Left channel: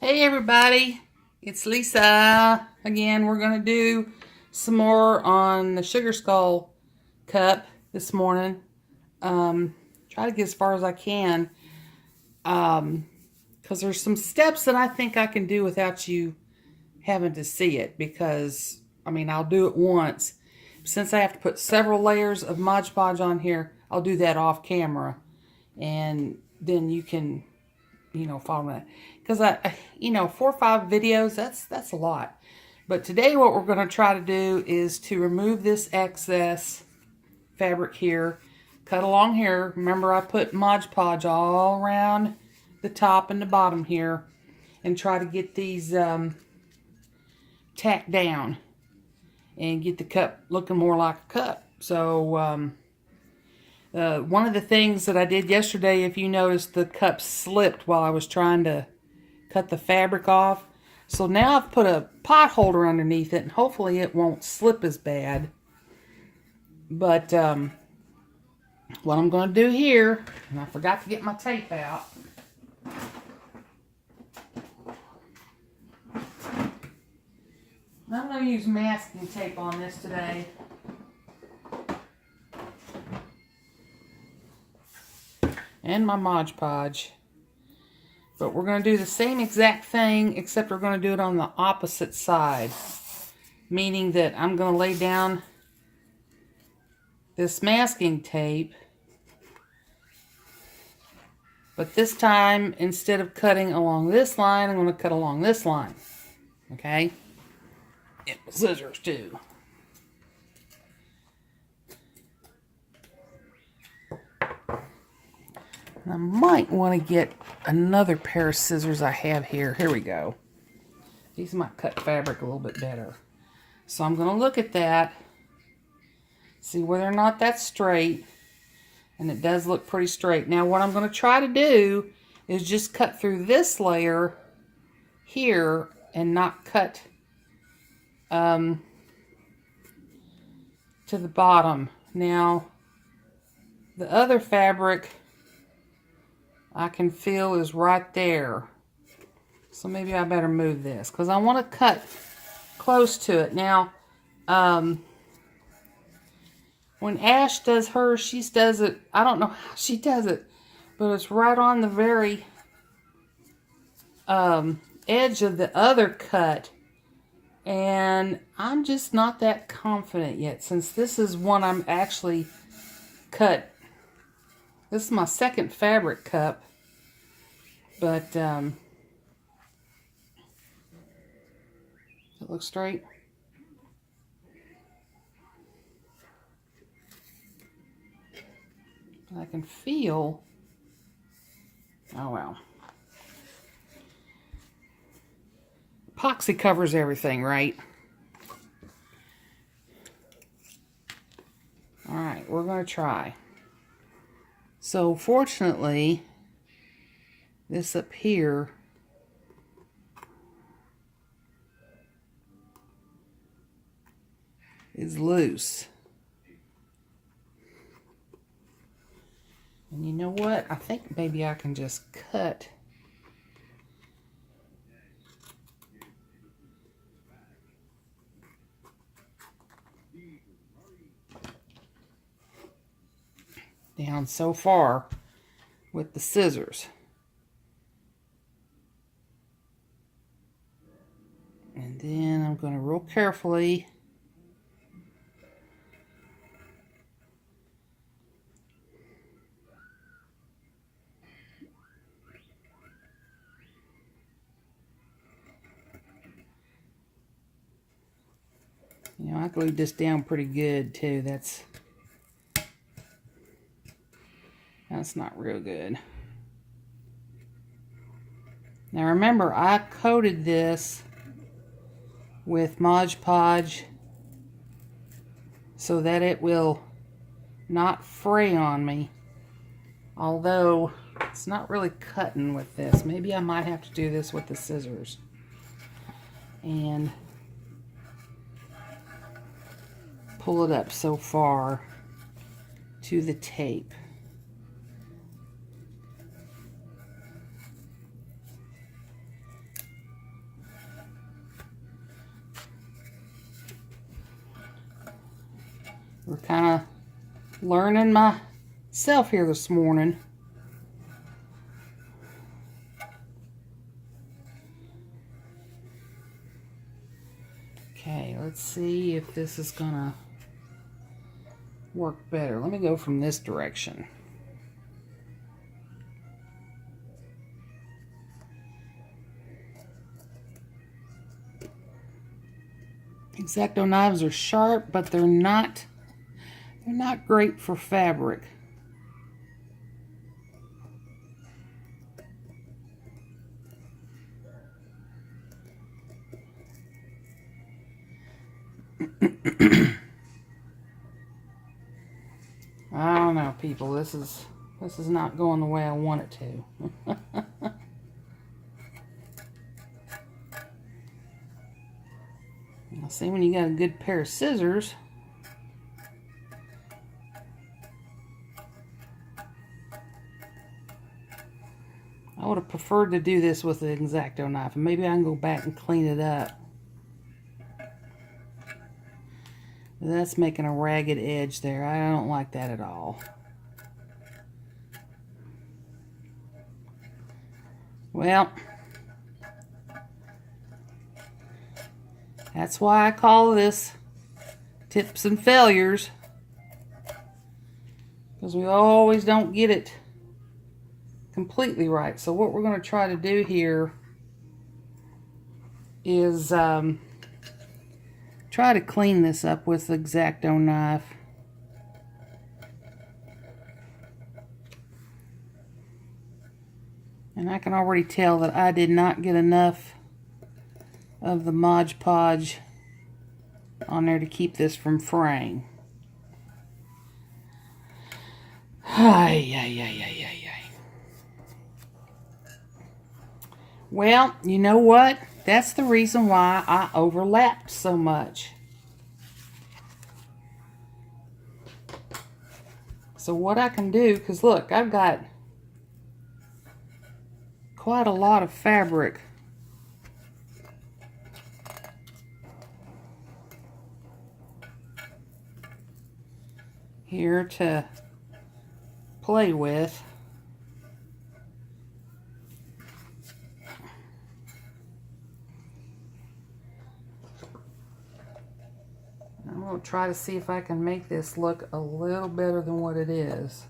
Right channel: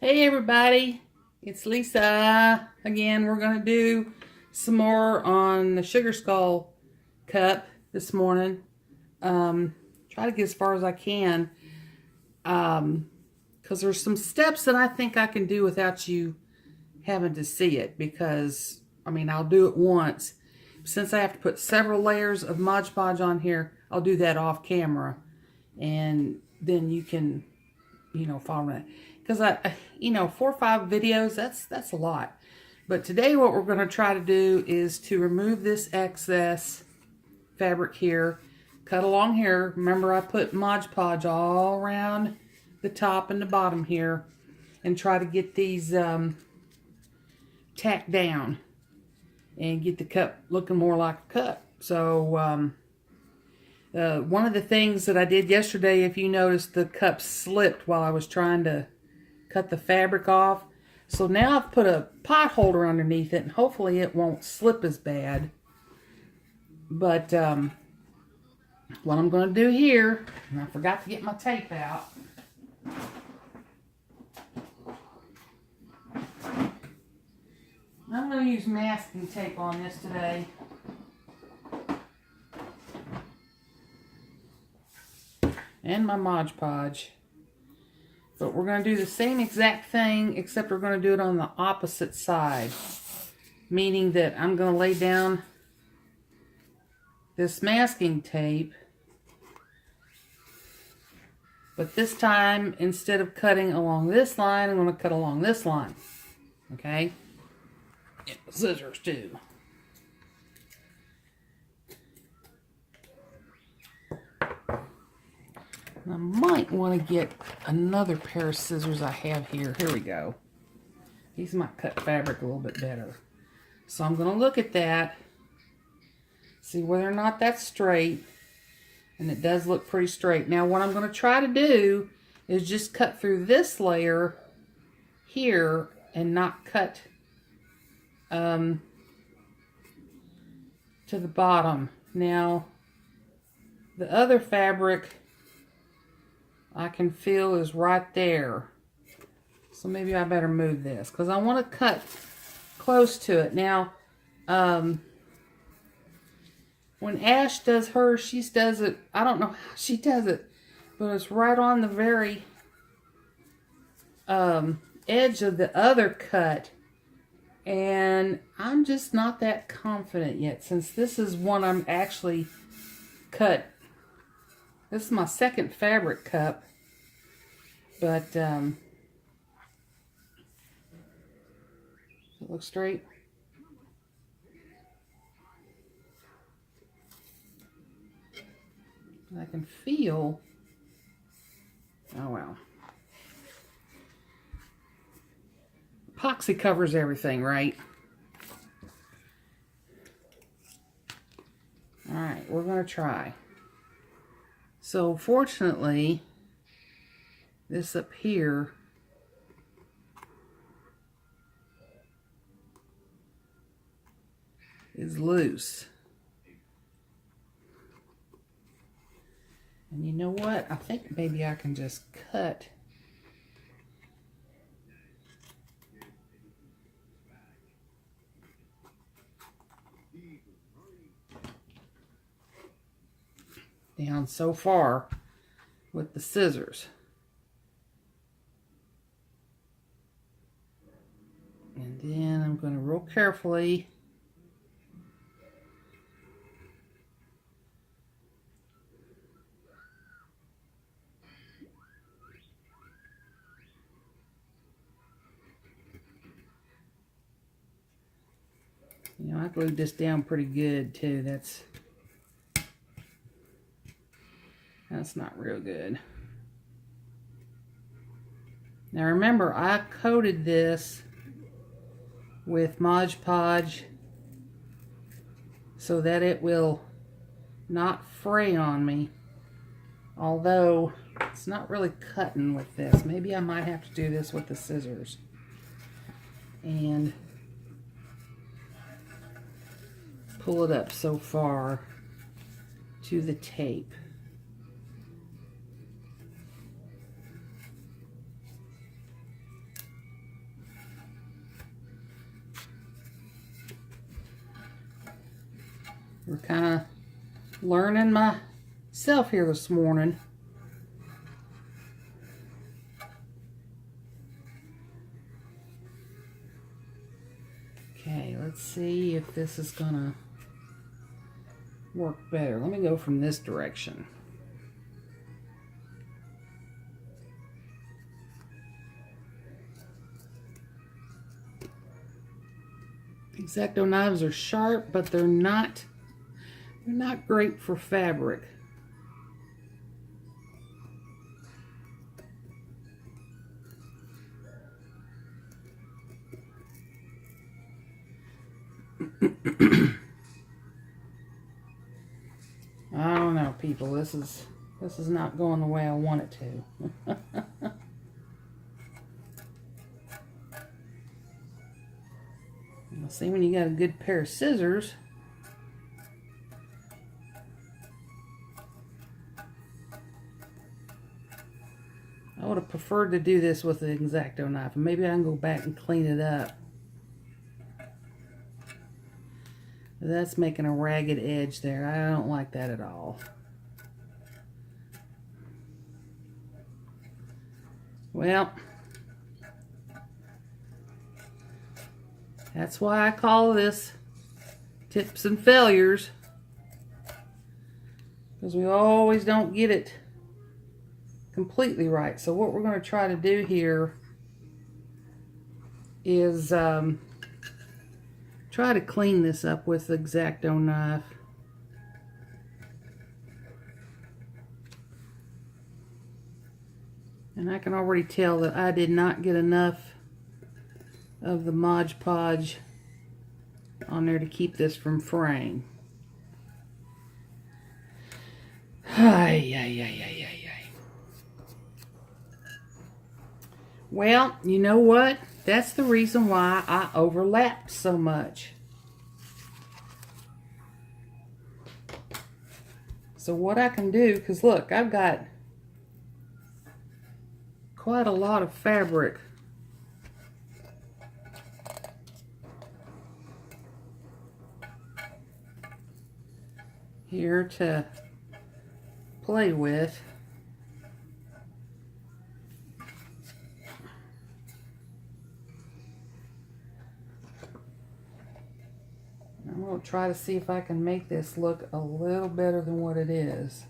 Hey everybody, it's Lisa. Again, we're going to do some more on the Sugar Skull cup this morning. Try to get as far as I can. Because there's some steps that I think I can do without you having to see it. Because, I mean, I'll do it once. Since I have to put several layers of Mod Podge on here, I'll do that off camera. And then you can, follow it. Because 4 or 5 videos, that's a lot. But today what we're going to try to do is to remove this excess fabric here. Cut along here. Remember, I put Mod Podge all around the top and the bottom here. And try to get these tacked down. And get the cup looking more like a cup. So, one of the things that I did yesterday, if you noticed, the cup slipped while I was trying to cut the fabric off. So now I've put a pot holder underneath it, and hopefully it won't slip as bad. But what I'm going to do here, and I forgot to get my tape out. I'm going to use masking tape on this today. And my Mod Podge. But we're going to do the same exact thing, except we're going to do it on the opposite side. Meaning that I'm going to lay down this masking tape. But this time, instead of cutting along this line, I'm going to cut along this line. Okay? And with scissors too. I might want to get another pair of scissors I have here. Here we go. These might cut fabric a little bit better. So I'm going to look at that, see whether or not that's straight. And it does look pretty straight. Now what I'm going to try to do is just cut through this layer here and not cut to the bottom. Now the other fabric I can feel is right there. So maybe I better move this because I want to cut close to it. Now, when Ash does hers, she does it, I don't know how she does it, but it's right on the very edge of the other cut. And I'm just not that confident yet, since this is one I'm actually cut. This is my second fabric cup, but does it look straight? I can feel, oh well. Epoxy covers everything, right? Alright, we're going to try. So fortunately, this up here is loose. And you know what? I think maybe I can just cut down so far with the scissors. And then I'm going to real carefully I glued this down pretty good too. That's not real good. Now remember, I coated this with Mod Podge so that it will not fray on me. Although it's not really cutting with this. Maybe I might have to do this with the scissors. And pull it up so far to the tape. We're kind of learning myself here this morning. Okay, let's see if this is gonna work better. Let me go from this direction. X-Acto knives are sharp, but they're not great for fabric. I don't know, people. This is not going the way I want it to. See, when you got a good pair of scissors, I would have preferred to do this with an X-Acto knife. Maybe I can go back and clean it up. That's making a ragged edge there. I don't like that at all. Well, that's why I call this tips and failures, because we always don't get it completely right. So what we're going to try to do here is try to clean this up with the X-Acto knife. And I can already tell that I did not get enough of the Mod Podge on there to keep this from fraying. Ay, ay, ay, ay, ay, ay. Well, you know what? That's the reason why I overlapped so much. So what I can do, because look, I've got quite a lot of fabric here to play with. I'm going to try to see if I can make this look a little better than what it is.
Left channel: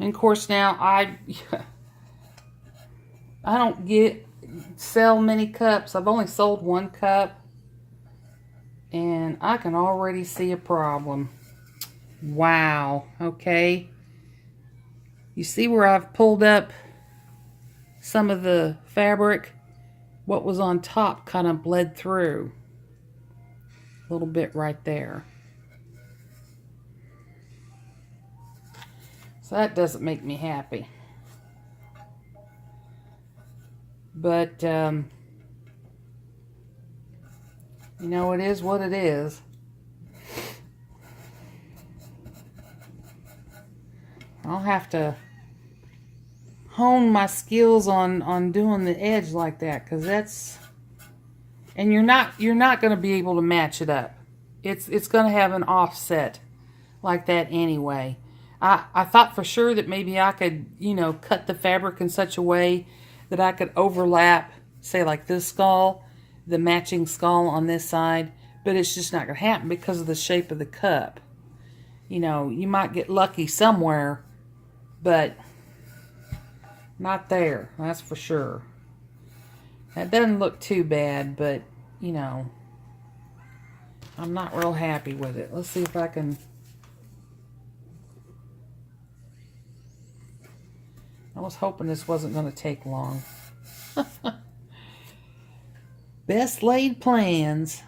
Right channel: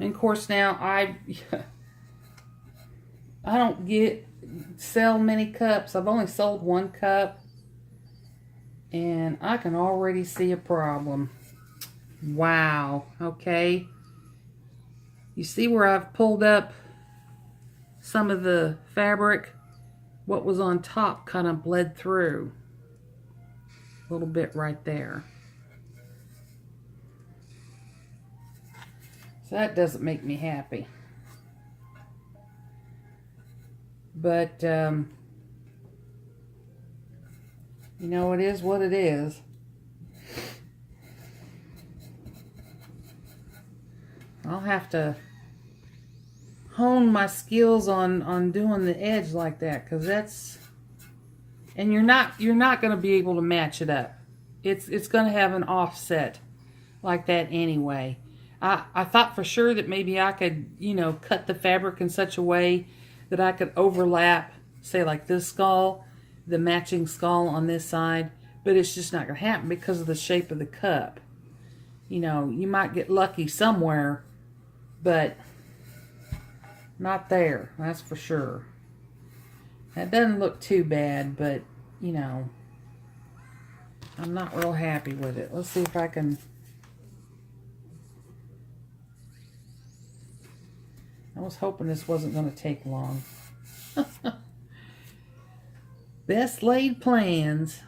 And of course now I don't sell many cups. I've only sold one cup, and I can already see a problem. Wow. Okay. You see where I've pulled up some of the fabric? What was on top kind of bled through a little bit right there. So that doesn't make me happy. But, you know, it is what it is. I'll have to hone my skills on doing the edge like that, because that's, and you're not going to be able to match it up. It's going to have an offset like that anyway. I thought for sure that maybe I could, you know, cut the fabric in such a way that I could overlap, say like this skull, the matching skull on this side, but it's just not going to happen because of the shape of the cup. You know, you might get lucky somewhere, but not there, that's for sure. That doesn't look too bad, but, you know, I'm not real happy with it. Let's see if I can... I was hoping this wasn't going to take long. Best laid plans.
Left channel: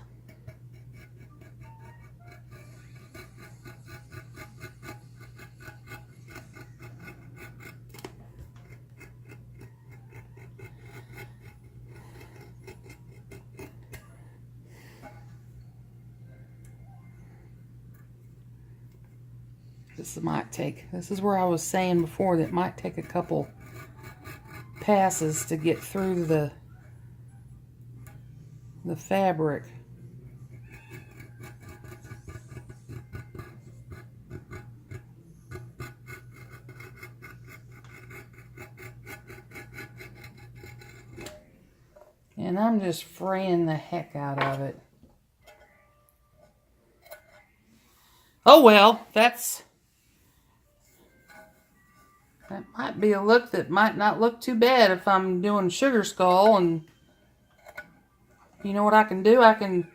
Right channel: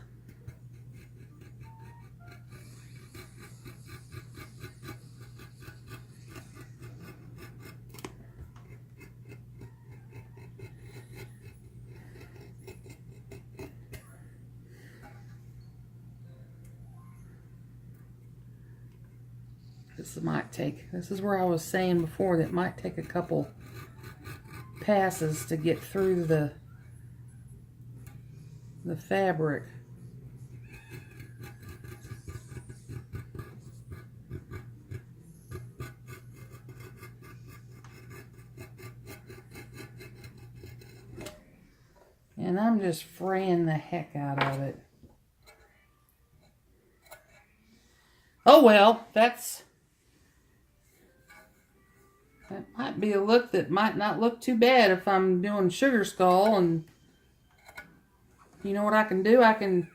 This is where I was saying before that it might take a couple passes to get through the fabric. And I'm just fraying the heck out of it. Oh well, that might be a look that might not look too bad if I'm doing sugar skull. And you know what I can do? I'm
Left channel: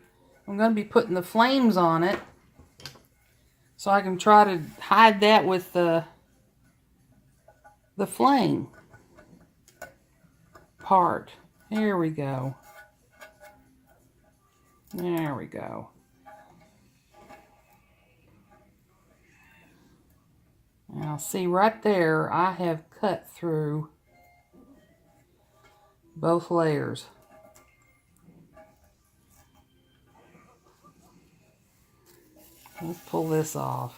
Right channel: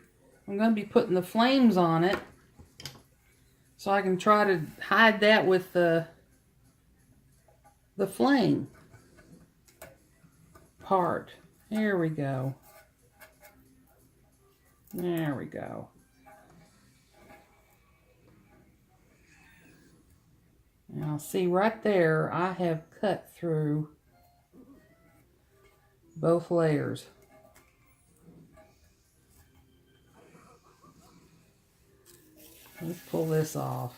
going to be putting the flames on it, so I can try to hide that with the flame part. Here we go. There we go. Now see right there, I have cut through both layers. Let's pull this off.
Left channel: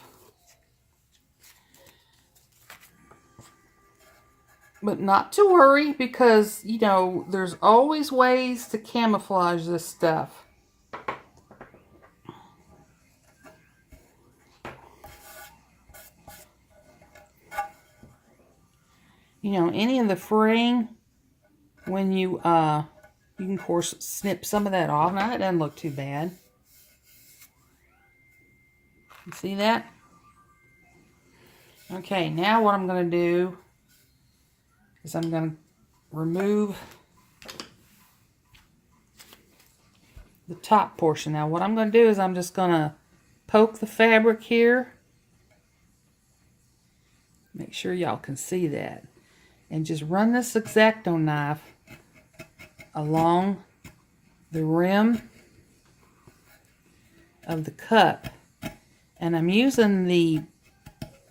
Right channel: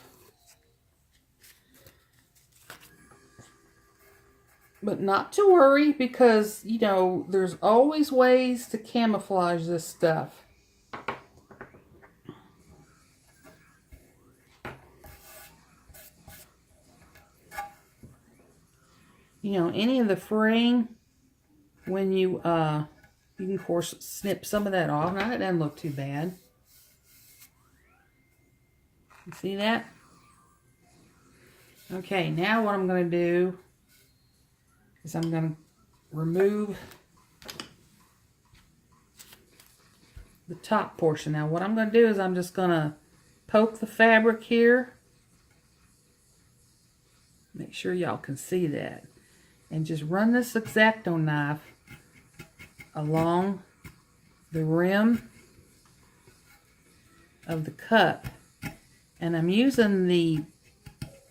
But not to worry, because, you know, there's always ways to camouflage this stuff. You know, any of the fraying, when you can of course snip some of that off. Now that doesn't look too bad. You see that? Okay, now what I'm going to do is I'm going to remove the top portion. Now what I'm going to do is I'm just going to poke the fabric here. Make sure y'all can see that. And just run this X-Acto knife along the rim of the cup. And I'm using the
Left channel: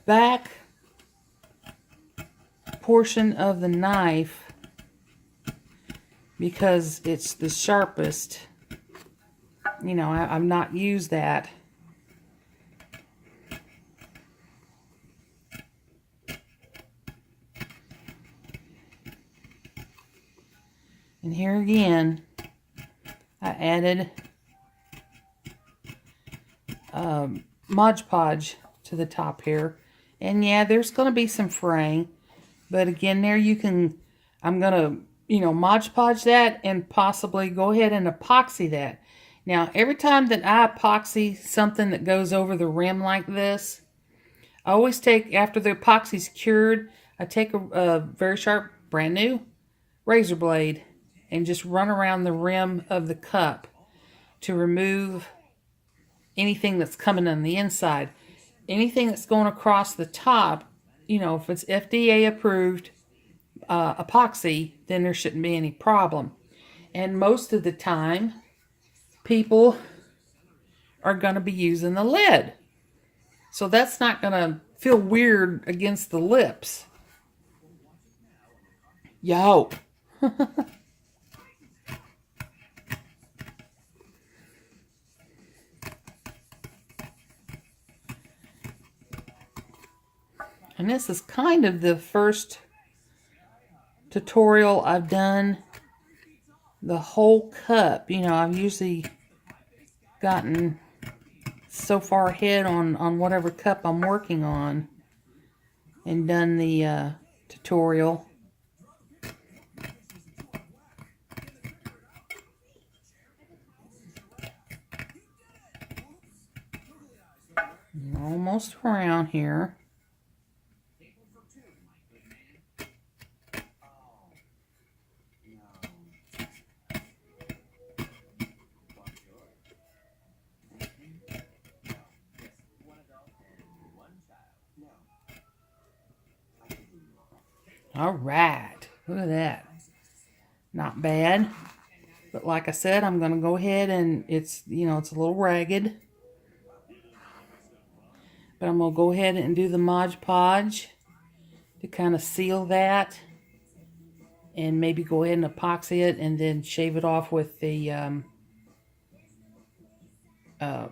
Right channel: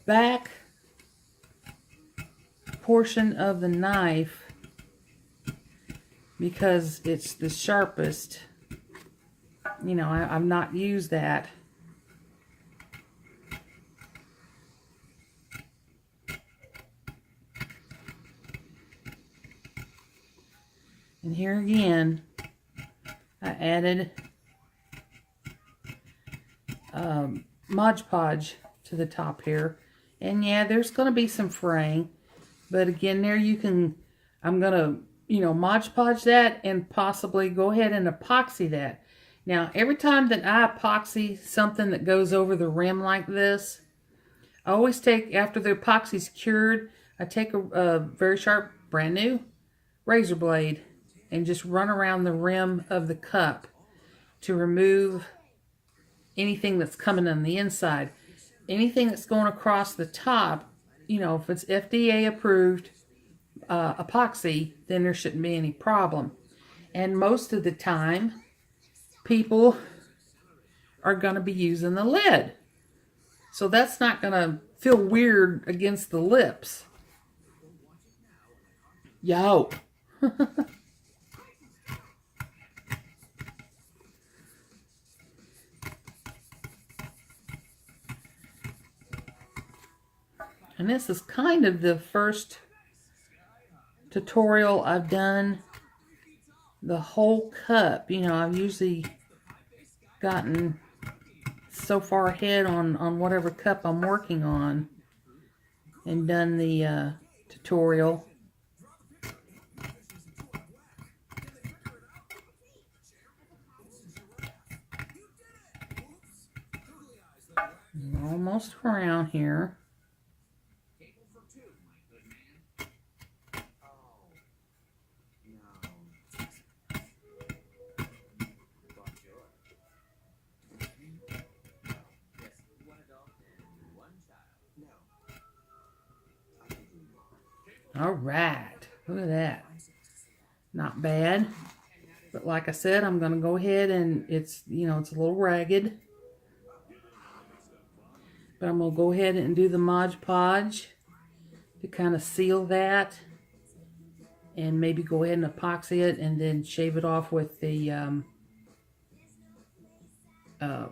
back portion of the knife because it's the sharpest. You know, I've not used that. And here again, I added Mod Podge to the top here. And yeah, there's going to be some fraying. But again, there you can, I'm going to, you know, Mod Podge that and possibly go ahead and epoxy that. Now, every time that I epoxy something that goes over the rim like this, I always take, after the epoxy's cured, I take a very sharp, brand new razor blade and just run around the rim of the cup to remove anything that's coming on the inside. Anything that's going across the top, you know, if it's FDA approved epoxy, then there shouldn't be any problem. And most of the time, people are going to be using the lid. So that's not going to feel weird against the lips. Yo. And this is kind of the first tutorial I've done the whole cup. You know, I've usually gotten so far ahead on whatever cup I'm working on and done the tutorial. We're almost around here. All right, look at that. Not bad. But like I said, I'm going to go ahead and it's, you know, it's a little ragged. But I'm going to go ahead and do the Mod Podge to kind of seal that. And maybe go ahead and epoxy it and then shave it off with the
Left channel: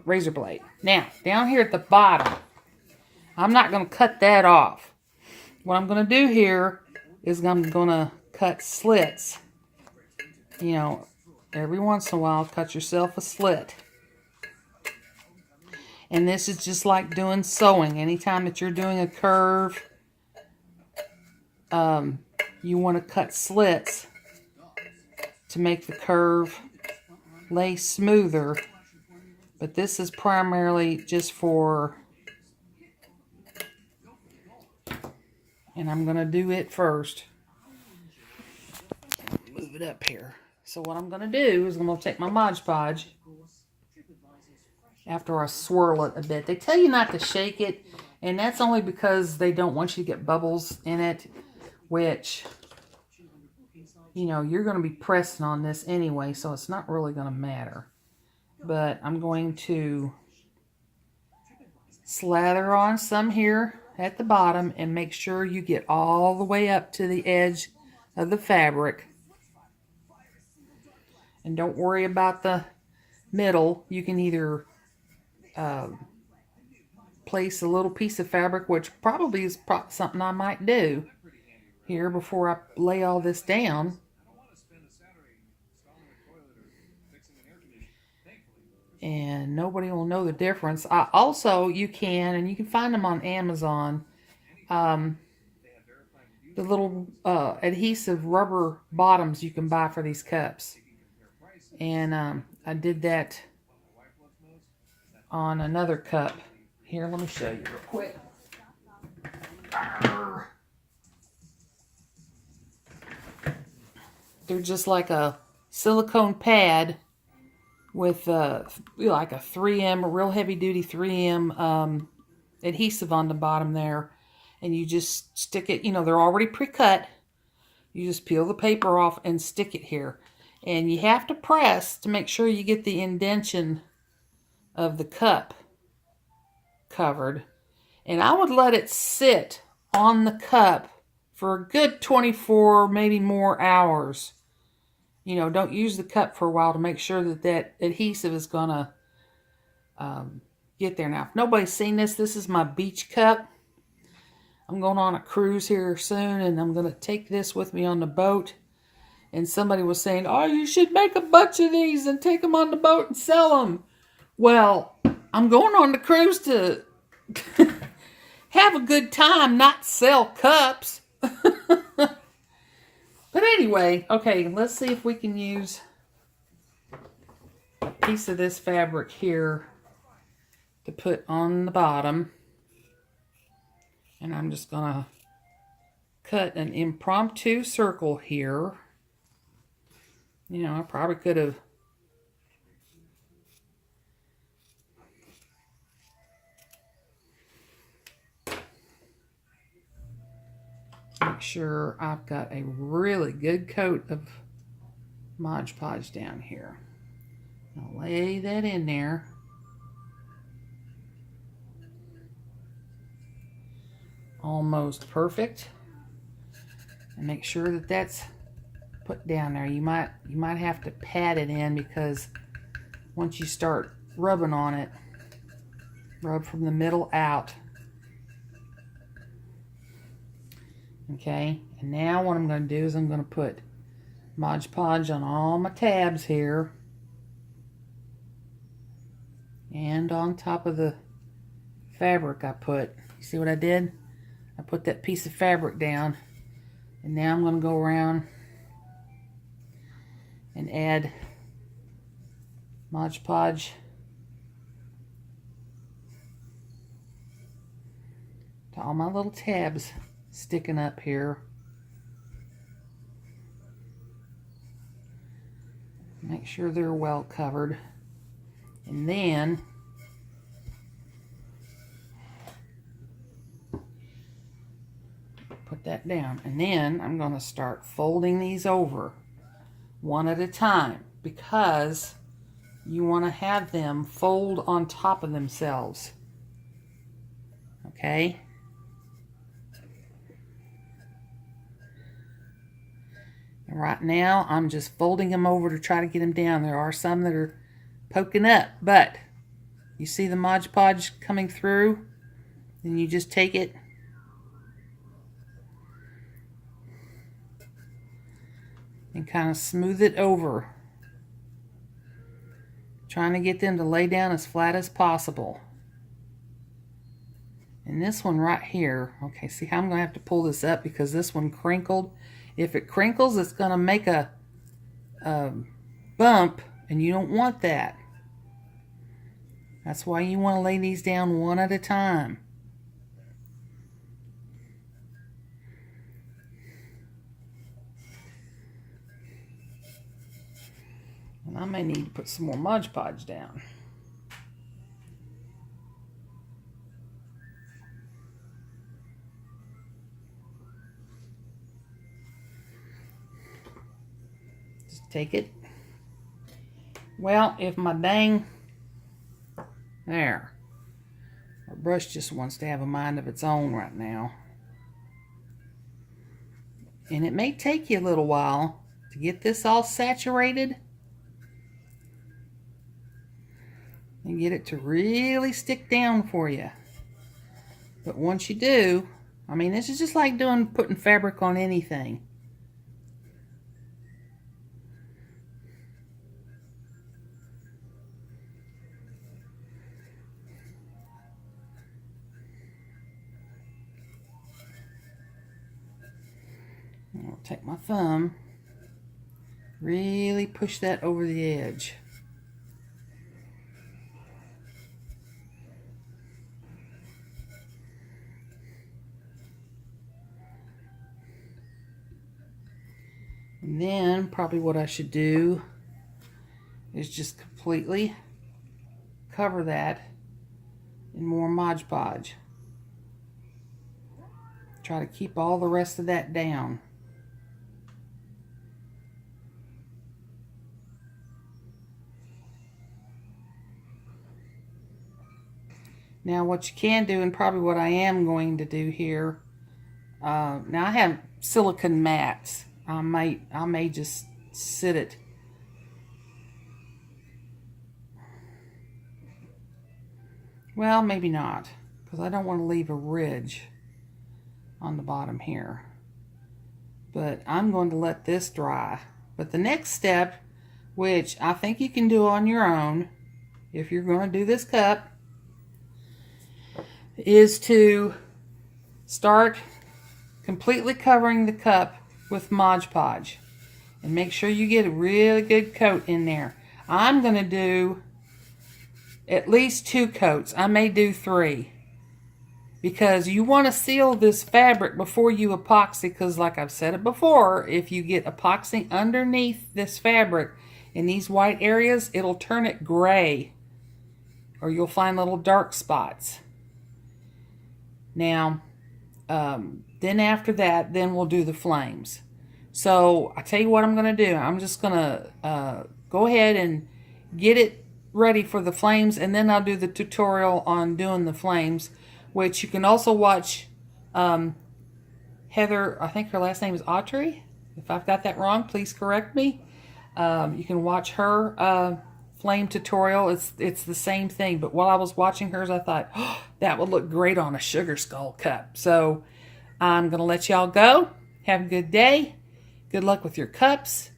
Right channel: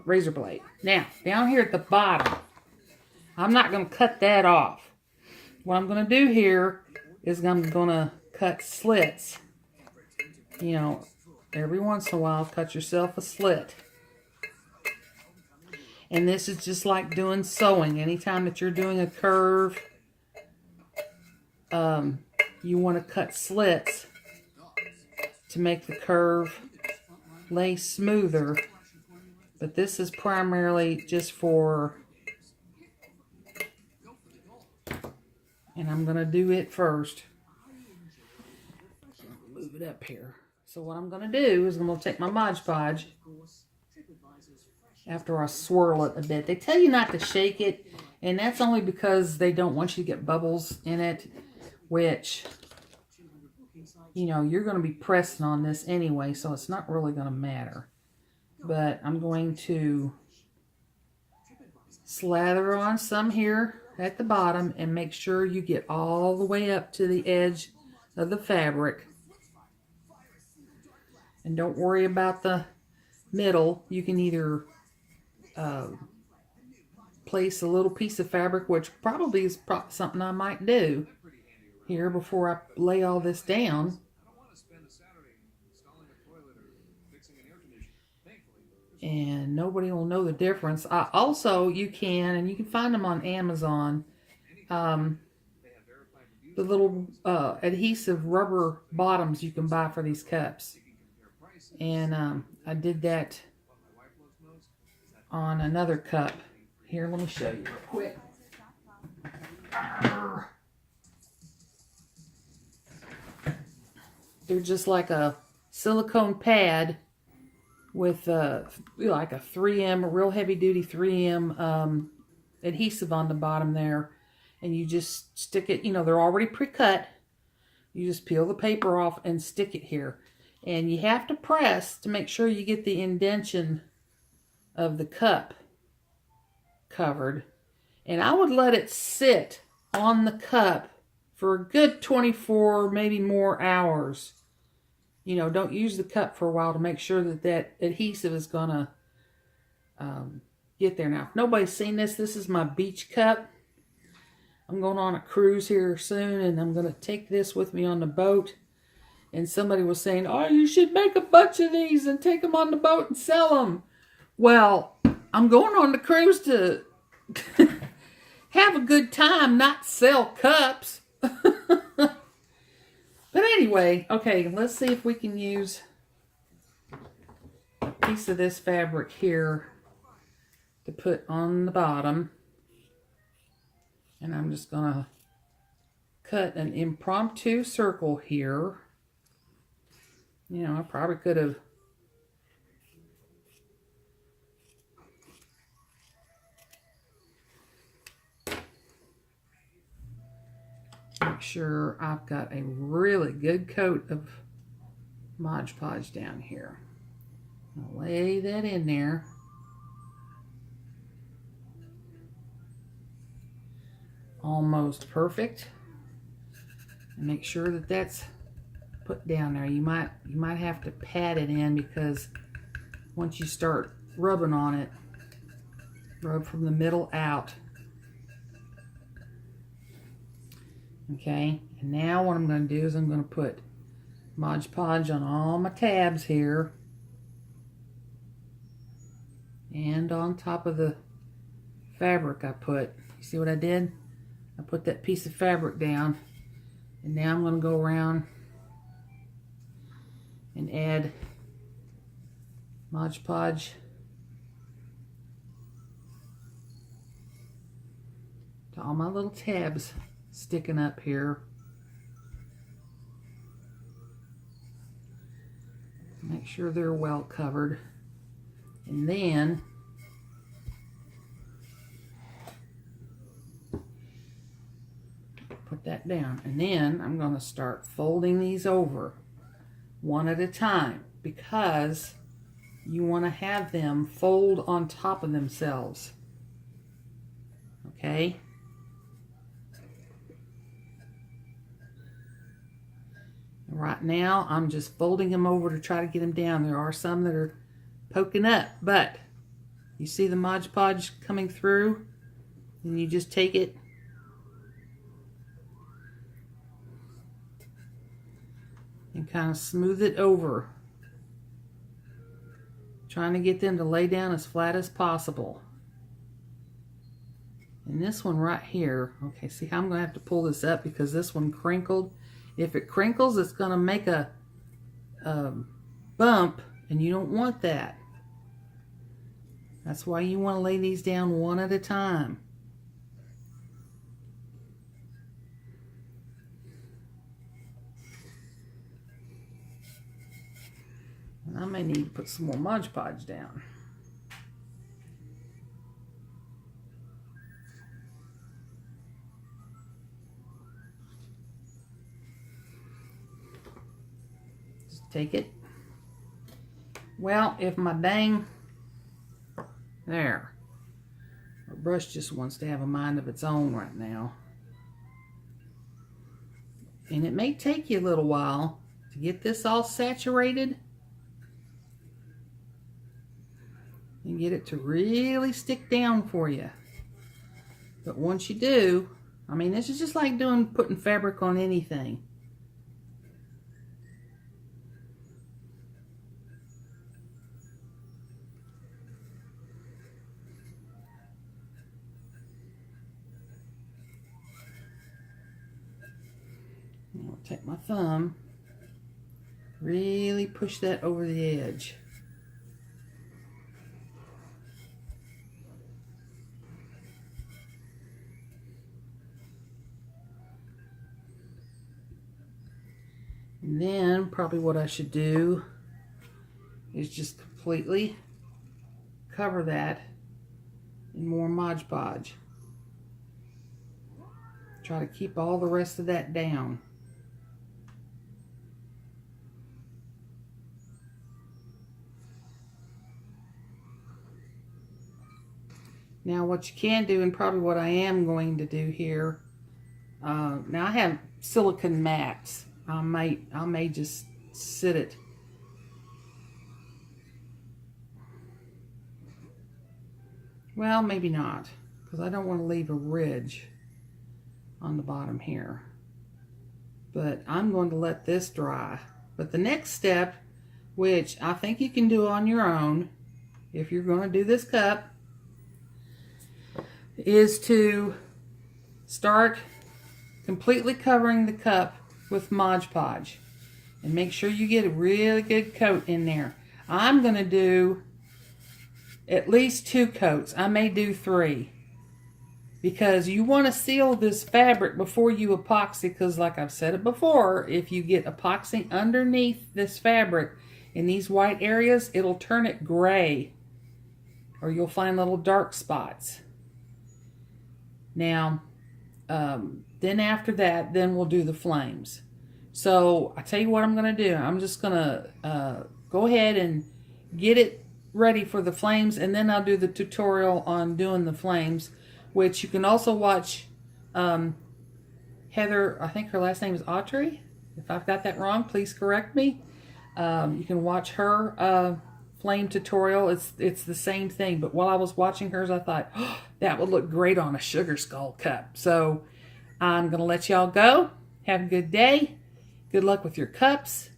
razor blade. Now, down here at the bottom, I'm not going to cut that off. What I'm going to do here is I'm going to cut slits. You know, every once in a while, cut yourself a slit. And this is just like doing sewing. Anytime that you're doing a curve, you want to cut slits to make the curve lay smoother. But this is primarily just for, and I'm going to do it first. Move it up here. So what I'm going to do is I'm going to take my Mod Podge after I swirl it a bit. They tell you not to shake it, and that's only because they don't want you to get bubbles in it, which, you know, you're going to be pressing on this anyway, so it's not really going to matter. But I'm going to slather on some here at the bottom and make sure you get all the way up to the edge of the fabric. And don't worry about the middle. You can either place a little piece of fabric, which probably is something I might do here before I lay all this down. And nobody will know the difference. Also, you can find them on Amazon, the little adhesive rubber bottoms you can buy for these cups. And I did that on another cup. Here, let me show you real quick. They're just like a silicone pad with like a 3M, a real heavy duty 3M adhesive on the bottom there. And you just stick it, you know, they're already pre-cut. You just peel the paper off and stick it here. And you have to press to make sure you get the indentation of the cup covered. And I would let it sit on the cup for a good 24, maybe more hours. You know, don't use the cup for a while to make sure that that adhesive is going to get there. Now, if nobody's seen this, this is my beach cup. I'm going on a cruise here soon, and I'm going to take this with me on the boat. And somebody was saying, oh, you should make a bunch of these and take them on the boat and sell them. Well, I'm going on the cruise to have a good time, not sell cups. But anyway, okay, let's see if we can use a piece of this fabric here to put on the bottom. And I'm just going to cut an impromptu circle here. You know, I probably could have make sure I've got a really good coat of Mod Podge down here. I'll lay that in there. Almost perfect. And make sure that that's put down there. You might have to pat it in, because once you start rubbing on it, rub from the middle out. Okay, and now what I'm going to do is I'm going to put Mod Podge on all my tabs here and on top of the fabric I put. You see what I did? I put that piece of fabric down, and now I'm going to go around and add Mod Podge to all my little tabs sticking up here. Make sure they're well covered. And then put that down. And then I'm going to start folding these over one at a time, because you want to have them fold on top of themselves. Okay? And right now, I'm just folding them over to try to get them down. There are some that are poking up, but you see the Mod Podge coming through? Then you just take it and kind of smooth it over, trying to get them to lay down as flat as possible. And this one right here, okay, see how I'm going to have to pull this up because this one crinkled. If it crinkles, it's going to make a bump, and you don't want that. That's why you want to lay these down one at a time. And I may need to put some more Mod Podge down. Just take it. Well, if my dang, there, my brush just wants to have a mind of its own right now. And it may take you a little while to get this all saturated and get it to really stick down for you. But once you do, I mean, this is just like putting fabric on anything. I'll take my thumb, really push that over the edge. And then probably what I should do is just completely cover that in more Mod Podge. Try to keep all the rest of that down. Now what you can do, and probably what I am going to do here, now I have silicone mats. I may just sit it. Well, maybe not, because I don't want to leave a ridge on the bottom here. But I'm going to let this dry. But the next step, which I think you can do on your own, if you're going to do this cup, is to start completely covering the cup with Mod Podge. And make sure you get a really good coat in there. I'm going to do at least 2 coats. I may do 3. Because you want to seal this fabric before you epoxy, because like I've said it before, if you get epoxy underneath this fabric in these white areas, it'll turn it gray. Or you'll find little dark spots. Now, then after that, then we'll do the flames. So I tell you what I'm going to do. I'm just going to go ahead and get it ready for the flames, and then I'll do the tutorial on doing the flames, which you can also watch Heather, I think her last name is Autry. If I've got that wrong, please correct me. You can watch her flame tutorial. It's the same thing, but while I was watching hers, I thought, oh, that would look great on a sugar skull cup. So I'm going to let y'all go. Have a good day. Good luck with your cups,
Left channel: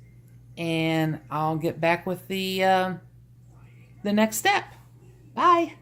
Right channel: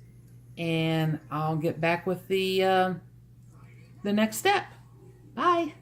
and I'll get back with the next step. Bye.